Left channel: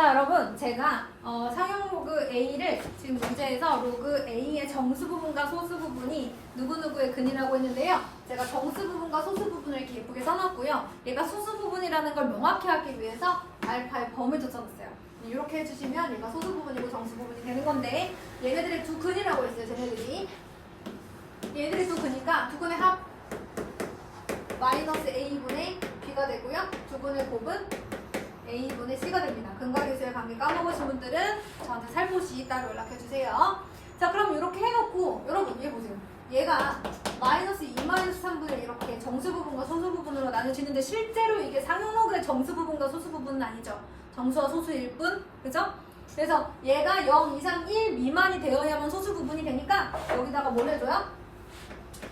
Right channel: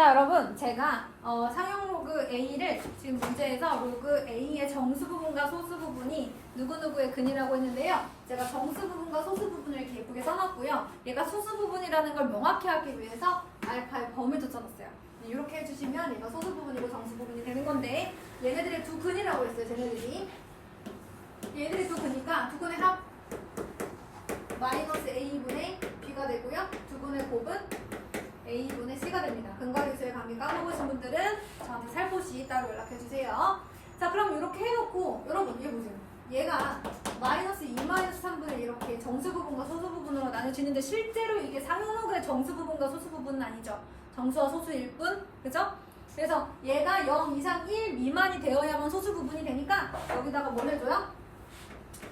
자, 여러분, 제가 상용 로그 A를 지금 문제에서 로그 A의 정수 부분과 소수 부분이 누구누구의 근이라고 했는데요. 제가 정수 부분과 소수 부분을 이렇게 예쁘게 써놨고요. 얘가 소수 부분이라는 걸 명확히 하기 위해서 알파의 범을 젖혀놨어요. 이렇게 해주시면 얘가 소수 부분이고 정수 부분이 되는 건데, 얘네들의 두 근이라고 했어요. 쟤네들이. 얘들이 두 근이니까 두 근의 합 마이너스 A분의 B가 되고요. 두 근의 곱은 A분의 C가 됩니다. 근과 계수의 관계 까먹으신 분들은 저한테 살포시 따로 연락해주세요. 자, 그럼 이렇게 해놓고 여러분 얘 보세요. 얘가 마이너스 2 마이너스 3분을 이렇게 정수 부분과 소수 부분으로 나눠지는데 실제로 이게 상용로그의 정수 부분과 소수 부분은 아니죠. 정수와 소수일 뿐. 그죠? 그래서 얘가 0 이상 1 미만이 되어야만 소수 부분이 되니까 여기다가 뭘 해줘요?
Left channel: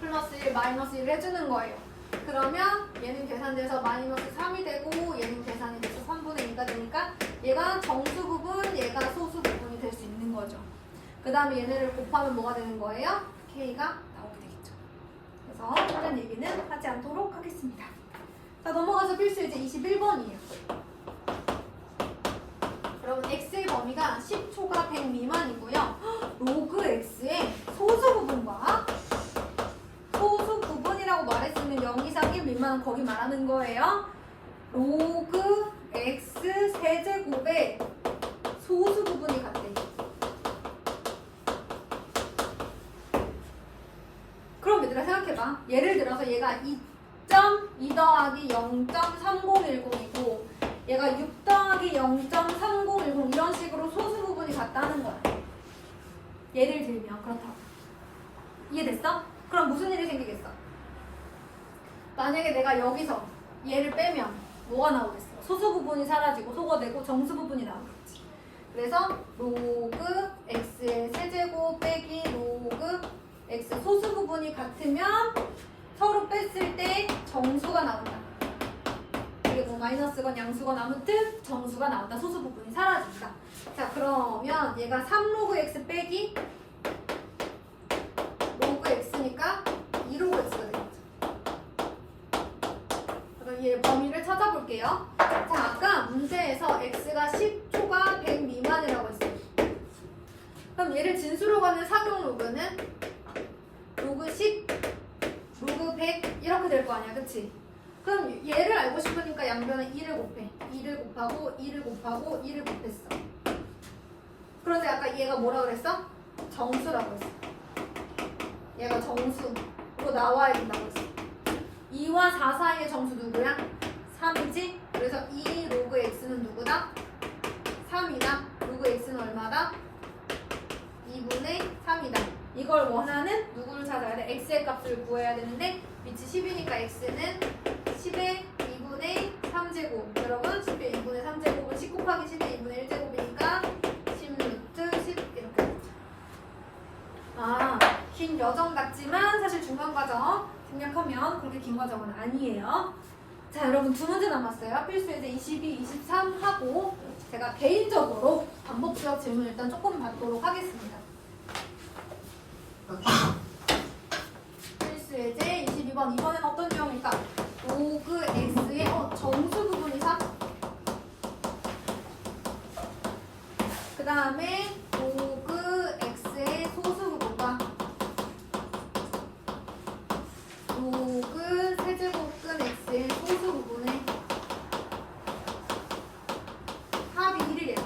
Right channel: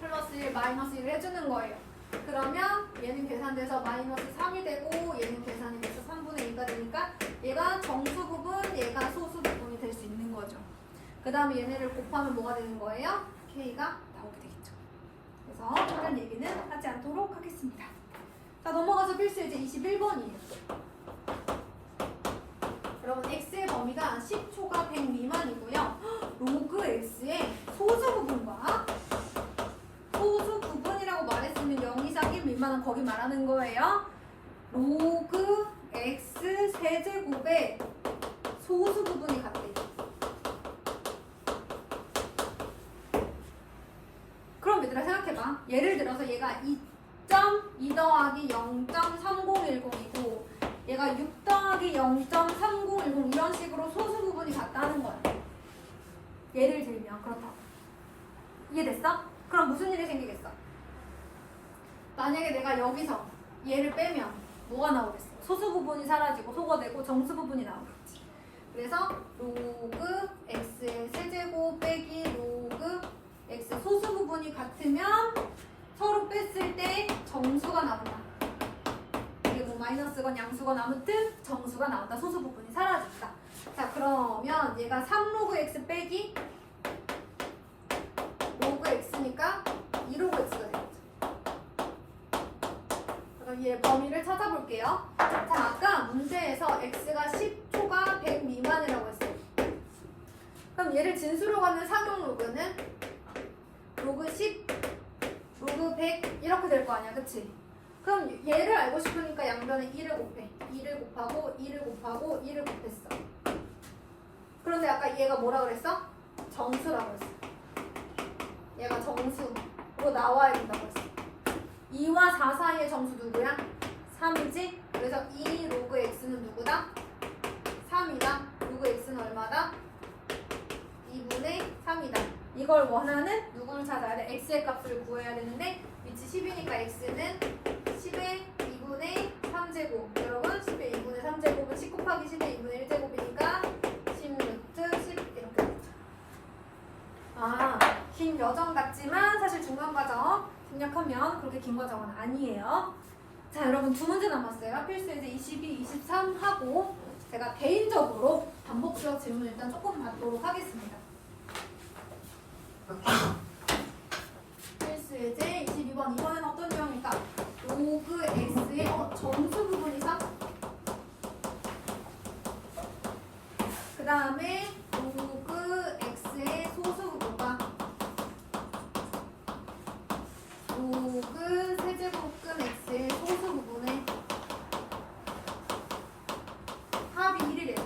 플러스 1 마이너스 1을 해주는 거예요. 그러면 얘는 계산돼서 마이너스 3이 되고 얘는 계산이 돼서 3분의 2가 되니까 얘가 정수 부분, 얘가 소수 부분이 될 수 있는 거죠. 그 다음에 얘네를 곱하면 뭐가 되는 거예요? K가 나오게 되겠죠. 그래서 다른 얘기는 하지 않도록 하겠습니다. 자, 넘어가서 필수 이제 21번이에요. 여러분 X의 범위가 10초가 100 미만이고요. 로그 X의 소수 부분과 소수 부분이라고 말했으면 0 이상 1 미만은 거기 말하는 거예요. 로그 X 세제곱의 소수 부분이 같대. 그럼 얘들아 생각해봐. 예를 들어서 얘가 2.2 더하기 0.3010이고 얘가 6 더하기 0.3010 이런 식으로 소수 부분이 같다는 거야. 예를 들면 그렇다고. 이해됐어? 그럼 무슨 일이 생기겠어? 만약에 내가 여기서 얘를 빼면 뭐가 나오겠어? 소수 부분이 사라지고 소가 되고 정수 부분이 나오겠지. 그래서 로그 x의 세제곱 빼기 로그 x 소수 부분이 같으면 서로 뺐을 때 정수가 나온다. 그리고 마이너스건 양수건 아무튼 정수가 나온다. 소수 부분이 사라진다. 자, 그러면 얘가 3로그 x 빼기 로그 x니까 2로그 x가 되겠죠. 그럼 얘 범위를 찾아볼게요. 자, 아까 문제에서 x가 10초가 100 미만이라고 했어요. 그럼 얘를 진수로 가는 상용 로그는 로그 10, 로그 100 이렇게 될 거 아니야, 그치? 그럼 얘를 알고 싶으니까 양변에 2를 곱해. 2를 곱하고 2를 곱하고 2를 곱했어. 그런데 아까 얘가 뭐라 그랬어? 정수라고 했어. 얘가 정수로 나와야 된다고 했어. 2와 4 사이의 정수 누구야? 3이지? 그래서 2 로그 x는 누구다? 3이다. 로그 x는 얼마다? 2분의 3이다. 이걸 원하는 누구를 찾아야 돼? x의 값을 구해야 되는데 밑이 10이니까 x는 10의 2분의 3제곱. 여러분 10의 2분의 3제곱은 10 곱하기 10의 2분의 1제곱이니까 10 루트 10 이렇게 되죠. 아, 긴 여정 같지만 사실 중간 과정 생략하면 그렇게 긴 과정은 아니에요. 자, 여러분 두 문제 남았어요. 필수 예제 22, 23 하고 제가 개인적으로 반복 지역 질문 일단 조금 받도록 하겠습니다. 필수 예제 22번 이번엔 어떤 지역입니까? 로그 x의 정수 부분이 3. 그 다음에 로그 x의 소수 부분과 로그 세제곱근 x의 소수 부분의 합이 1이래요.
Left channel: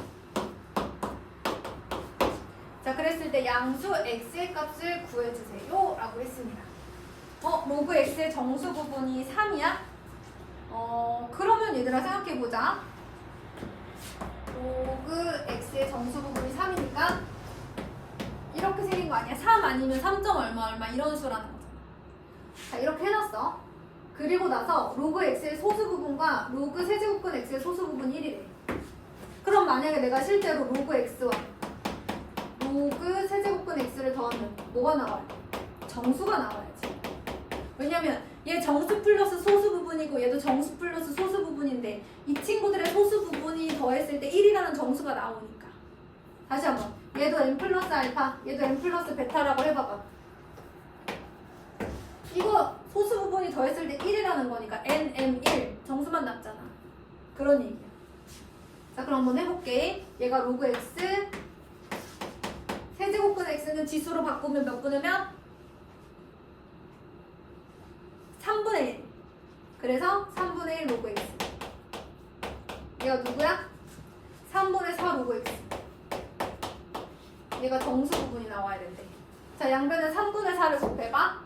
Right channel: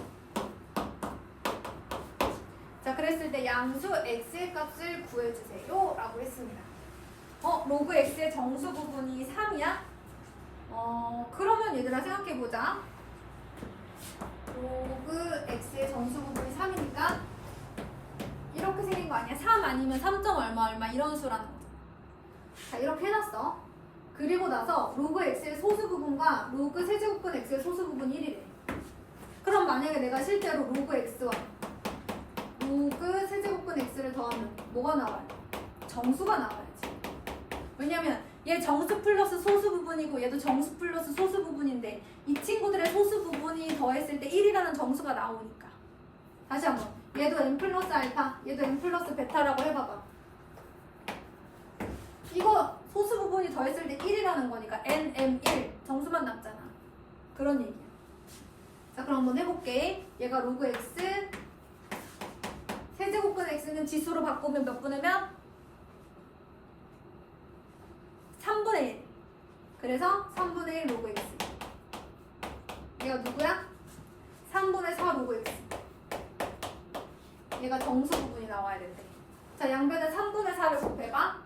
자, 그랬을 때 양수 x의 값을 구해주세요 라고 했습니다. 로그 x의 정수 부분이 3이야? 그러면 얘들아 생각해보자. 로그 x의 정수 부분이 3이니까 이렇게 생긴 거 아니야? 3 아니면 3. 얼마 이런 수라는 거죠. 자, 이렇게 해놨어. 그리고 나서 로그 x의 소수 부분과 로그 세제곱근 x의 소수 부분이 1이래. 그럼 만약에 내가 실제로 로그 x와 로그 세제곱근 x를 더하면 뭐가 나와요? 정수가 나와야지. 왜냐면 얘 정수 플러스 소수 부분이고 얘도 정수 플러스 소수 부분인데 이 친구들의 소수 부분이 더했을 때 1이라는 정수가 나오니까. 다시 한번. 얘도 n 플러스 알파, 얘도 n 플러스 베타라고 해봐봐. 이거 소수 부분이 더했을 때 1이라는 거니까 n, m, 1 정수만 남잖아. 그런 얘기야. 자, 그럼 한번 해볼게. 얘가 로그 x, 세제곱분 x는 지수로 바꾸면 몇 분의 몇? 3분의 1. 그래서 3분의 1 로그 x. 얘가 누구야? 3분의 4 로그 x. 얘가 정수 부분이 나와야 된대. 자, 양변에 3분의 4를 곱해봐.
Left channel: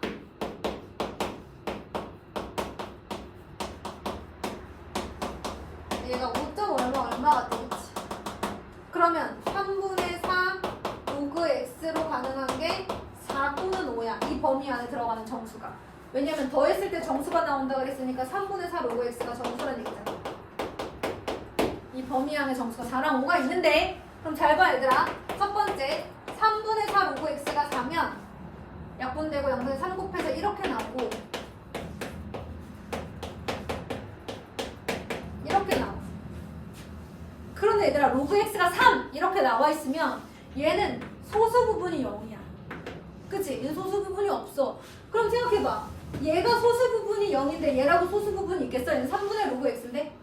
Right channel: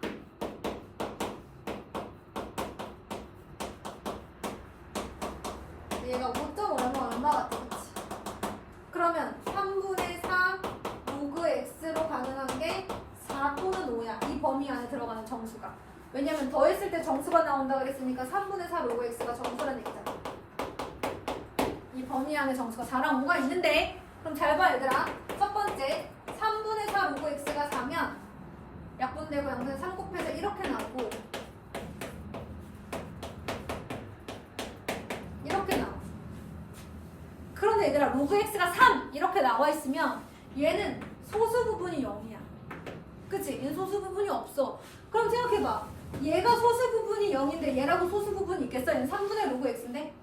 얘가 5점 얼마 같아, 그치? 그러면 3분의 4 로그 x로 가능한 게 4 또는 5야. 이 범위 안에 들어가는 정수가. 왜냐면 더했을 때 정수가 나온다고 그랬으니까 3분의 4 로그 x가 정수란 얘기잖아. 이 범위 안에 정수가 4랑 5가 있는데, 그럼 잘 봐, 얘들아. 첫 번째, 3분의 4 로그 x가 4면 약분되고 양분의 3 곱해서 이렇게 나오고, 이렇게 나와. 그런데 얘들아, 로그 x가 3 이렇게 나와 있으면 얘는 소수 부분이 0이야. 그치? 얘는 소수 부분이 없어. 그럼 생각해봐. 얘가 소수 부분이 0인데 얘라고 소수 부분이 있겠어? 얘는 3분의 로그 x인데?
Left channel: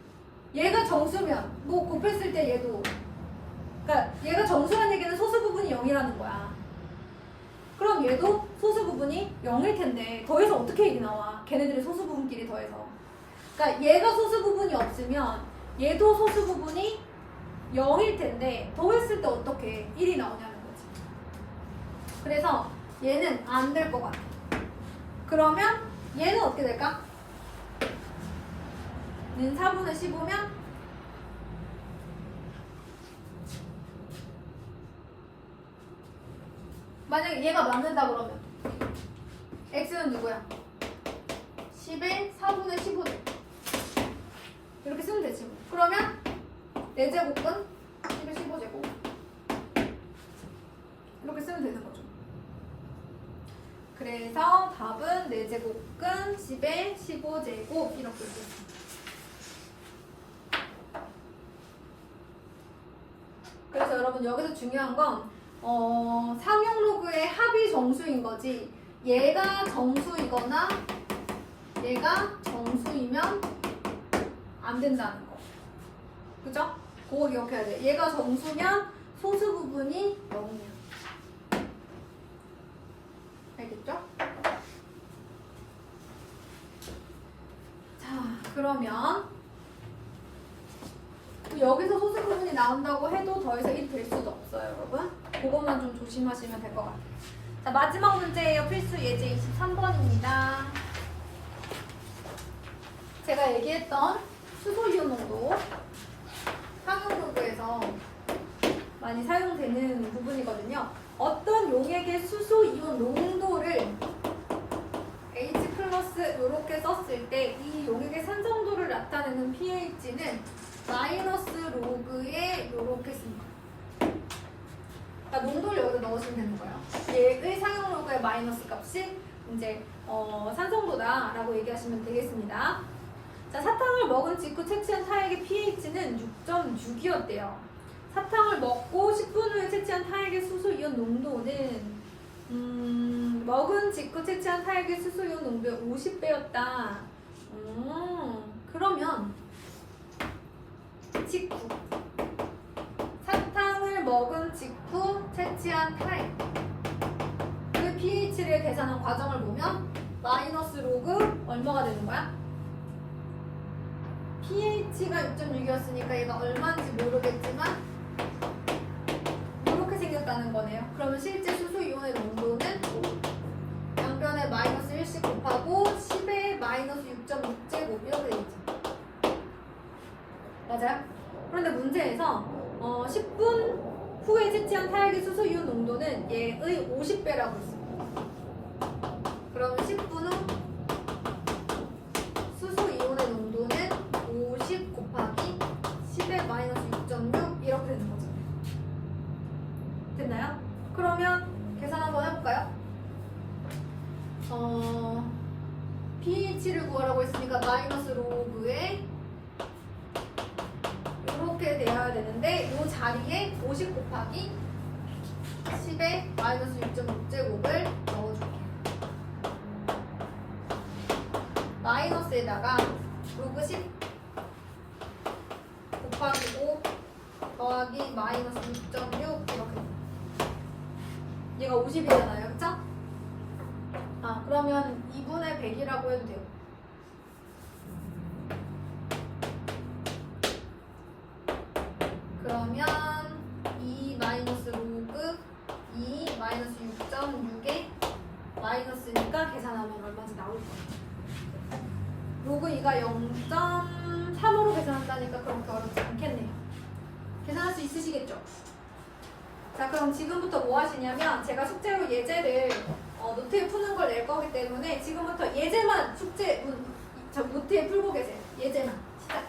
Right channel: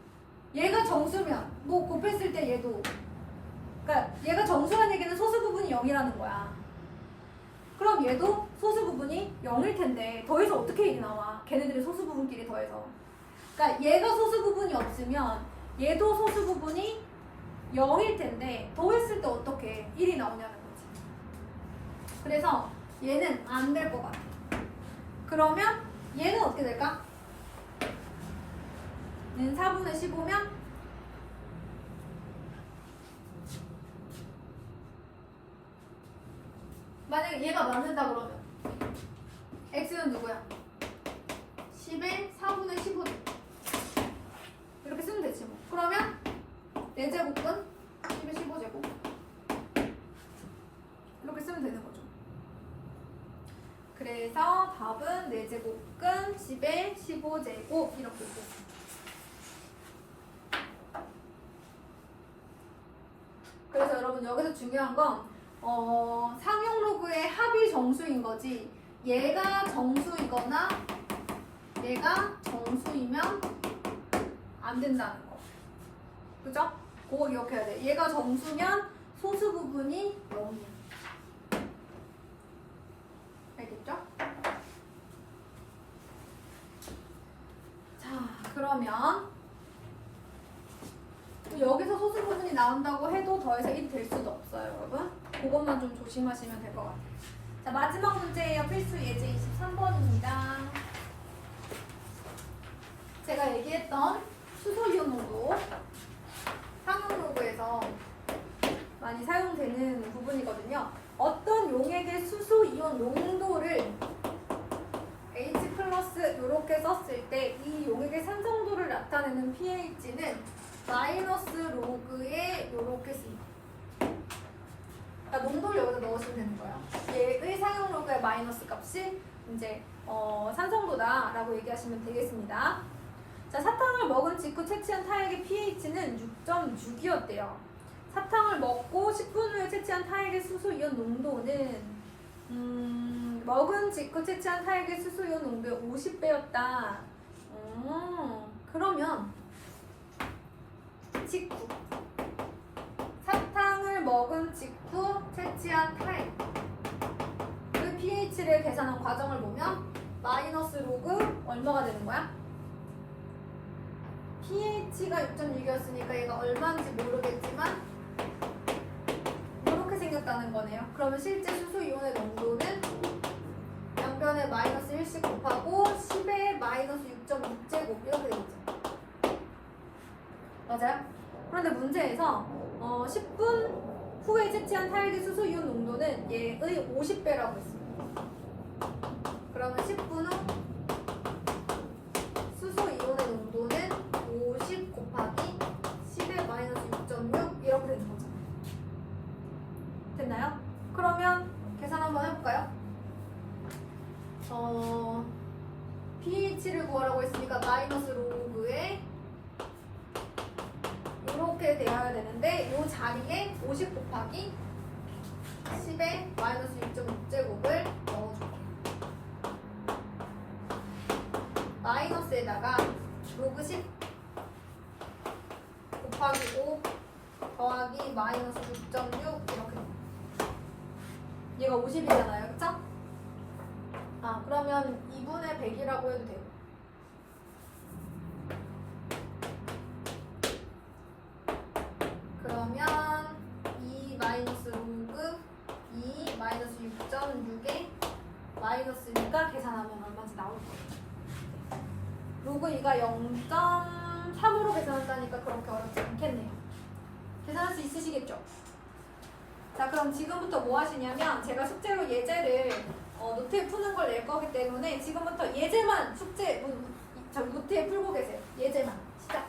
얘가 정수면 뭐 곱했을 때 얘도, 그러니까 얘가 정수란 얘기는 소수 부분이 0이라는 거야. 그럼 얘도 소수 부분이 0일 텐데 더해서 어떻게 1이 나와? 걔네들이 소수 부분끼리 더해서. 그러니까 얘가 소수 부분이 없으면 얘도 소수 부분이 0일 텐데 더했을 때 어떻게 1이 나오냐는 거지. 그래서 얘는 안 될 것 같아. 그러면 얘는 어떻게 될까? 얘는 4분의 15면 만약에 얘가 맞는다 그러면 x는 누구야? 10에 4분의 15 이렇게 쓰면 되지 뭐. 그러면 4제곱은 10에 15제곱 이렇게 쓰면 되는 거죠. 그래서 답은 4제곱근 10에 15제곱 이렇게 있겠습니다. 그래서 여러분 여기서 중요한 건 상용 로그의 합이 정수인 거지 얘가 정수이거나 얘가 정수이면 안 된다는 거. 그죠? 그거 기억해야 돼. 얘가 정수면 소수 부분이 0이야. 알겠죠? 자, 그러면 여기서 소수 부분이 나온다고 해도 더해서 1이 될 수도 없어요, 여러분. 그것만 좀 조심하시면 될 것 같아요. 자, 마지막 문제예요. 필수 예제 23번입니다. 제가 얘기했던 수소이온 농도 상용 로그에서 많이 사용되는 부분이거든요. 어떤 용액의 수소이온 농도를 H 플러스 이렇게 썼을 때 이 용액의 산성도를 나타내는 pH는 마이너스 로그에 이렇게 씁니다. 그러니까 농도를 여기다 넣으시면 되는 거예요. 얘의 상용 로그의 마이너스 값이 이제 산성도다라고 얘기하시면 되겠습니다. 자, 사탕을 먹은 직후 채취한 타액의 pH는 6.6이었대요. 사탕을 먹고 10분 후에 채취한 타액의 수소이온 농도는 먹은 직후 채취한 타액의 수소이온 농도의 50배였다. 그러면 직후 사탕을 먹은 직후 채취한 타액 그 pH를 계산한 과정을 보면 마이너스 로그 얼마가 되는 거야? pH가 6.6이었으니까 얘가 얼마인지 모르겠지만 이렇게 생겼다는 거네요. 그러면 실제 수소이온의 농도는 양변에 마이너스 1씩 곱하고 10에 마이너스 6.6제곱 이렇게 되겠죠. 맞아요? 그런데 문제에서 10분 후에 채취한 타액의 수소이온 농도는 얘의 50배라고 했습니다. 그러면 10분 후 수소이온의 농도는 50 곱하기 10에 마이너스 6.6 이렇게 되는 거죠. 됐나요? 그러면 계산 한번 해볼까요? pH를 구하라고 했으니까 마이너스 로그에 이렇게 되어야 되는데 이 자리에 50 곱하기 10에 마이너스 6.6제곱을 넣어줄게요. 마이너스에다가 로그 10 곱하기 5 더하기 마이너스 6.6 이렇게. 얘가 50이잖아요. 그쵸? 그러면 2분의 100이라고 해도 돼요. 그러면 2 마이너스 로그 2 마이너스 6.6에 마이너스니까 계산하면 얼마인지 나올 거예요. 로그 2가 0.3으로 계산한다니까 그렇게 어렵지 않겠네요. 계산할 수 있으시겠죠? 자, 그럼 지금부터 뭐 하시냐면 제가 숙제로 예제를 노트에 푸는 걸 낼 거기 때문에 지금부터 예제만 노트에 풀고 계세요. 예제만 시작.